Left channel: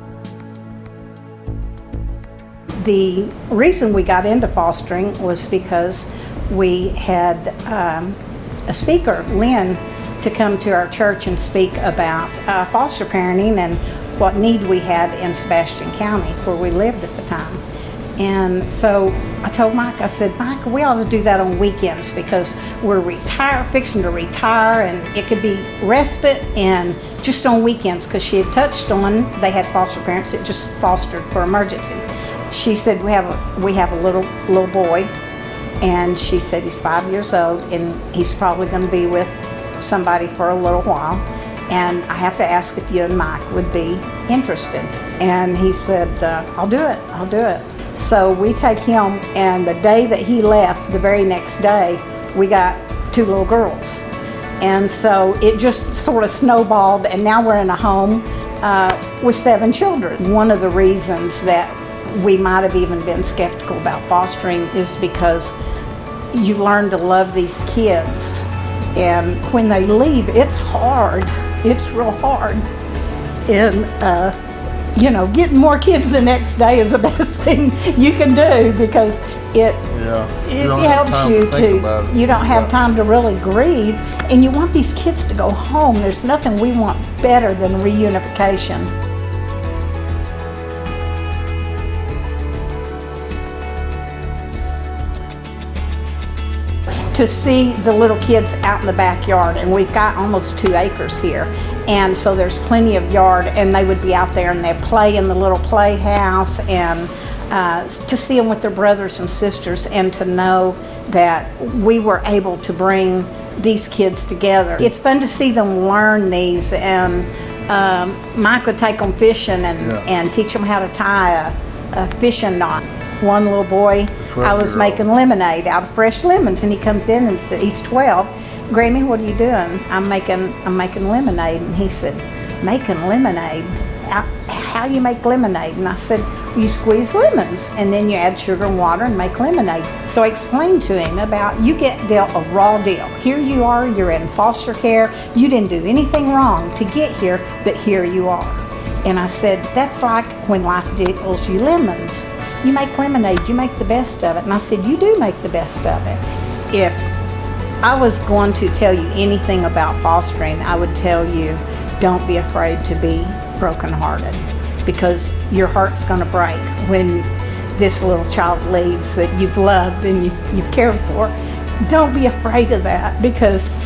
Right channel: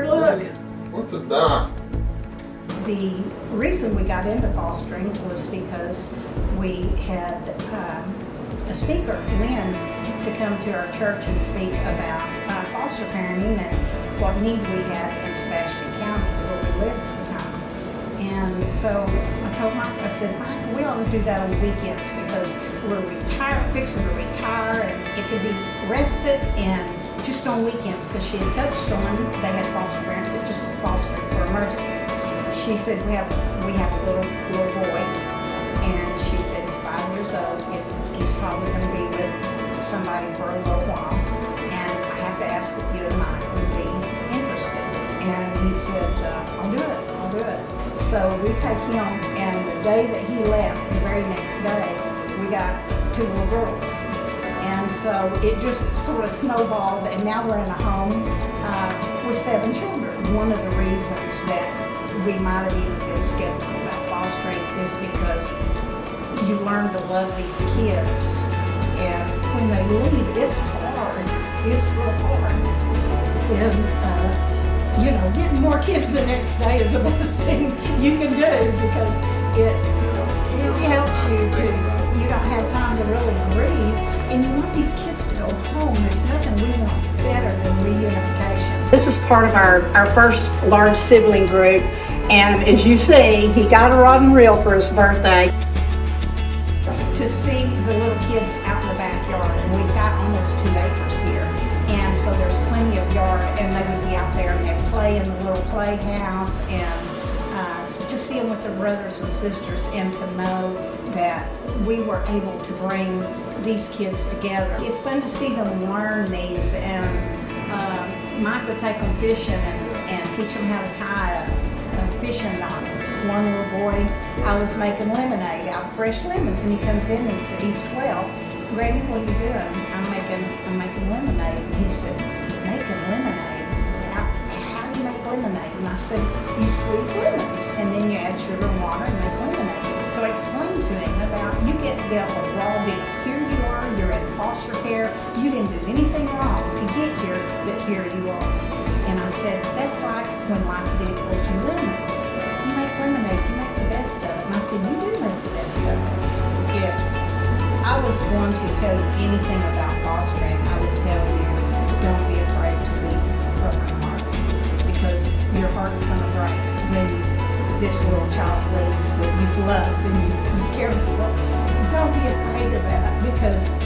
bird, look. What's a dot? The reason we got into fostering was because we had a speaker, Lynn, to come to our church and speak about foster parenting and what need we had in Sebastian County, where we lived at the time. And so I told Mike, I said, Mike, we ought to do that on weekends because we're fixing to retire, and it could be respite and just on weekends, because she had touched on, they had foster parents that just fostered for emergencies. She said, we have a little boy, and she said he's 5 years old, and he's probably going to be with somebody for a little while, and I have to ask if you and Mike would be interested. And he said, I'll do it. So we take him, and the day that he left, the very next day, we got 2 little girls. And so it just sort of snowballed, and now we're in a home with 7 children. One of the reasons that we might have even been skeptical about fostering is because you learn to love these kids, and when they leave, it's hard. It's real hard. And getting more kids the next day is the best thing you can do, because it helps you to, you don't have time to really grieve, and you want these kids to go home. There's nothing we want better than reunification. This is part of our first large sibling group, and as you see, he got a rod and reel for his birthday. To see the little kids out in the backyard, and we've got almost 2 acres here, and so there's plenty of yard, and they would be out there and they'd play in the little playhouse, and to see them with their brothers and sisters, and to know that we were able to bring these kids together. It's fun to see them learn these, and Mike would take them fishing and teach them how to tie a fishing knot. One little boy, I was making lemonade out of fresh lemons, and he comes in and said, he's 12, Grammy, what are you doing? I'm making lemonade. And he said, making lemonade? How do you make lemonade? And I said, you squeeze lemons, and then you add sugar and water and make lemonade. So I explained to him about, you get dealt a raw deal. Here you are, you're in foster care, you didn't do anything wrong to get here, but here you are. And I said, that's like when life deals you lemons. You make lemonade, you make the best of it. And I said, you do make the best of it. If I was going to tell you anything about fostering, I would tell you, don't be afraid to be brokenhearted, because your heart's going to break when this little child leaves that you've loved and you've cared for. Don't be afraid of that, because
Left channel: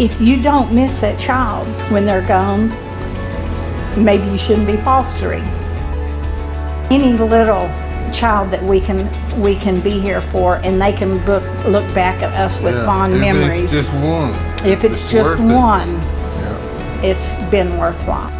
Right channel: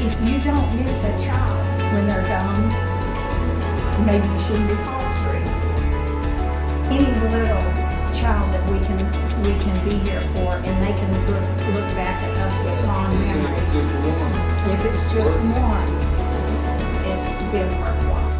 if you don't miss that child when they're gone, maybe you shouldn't be fostering. Any little child that we can be here for, and they can look back at us with fond memories. If it's just one. If it's just one, it's been worthwhile.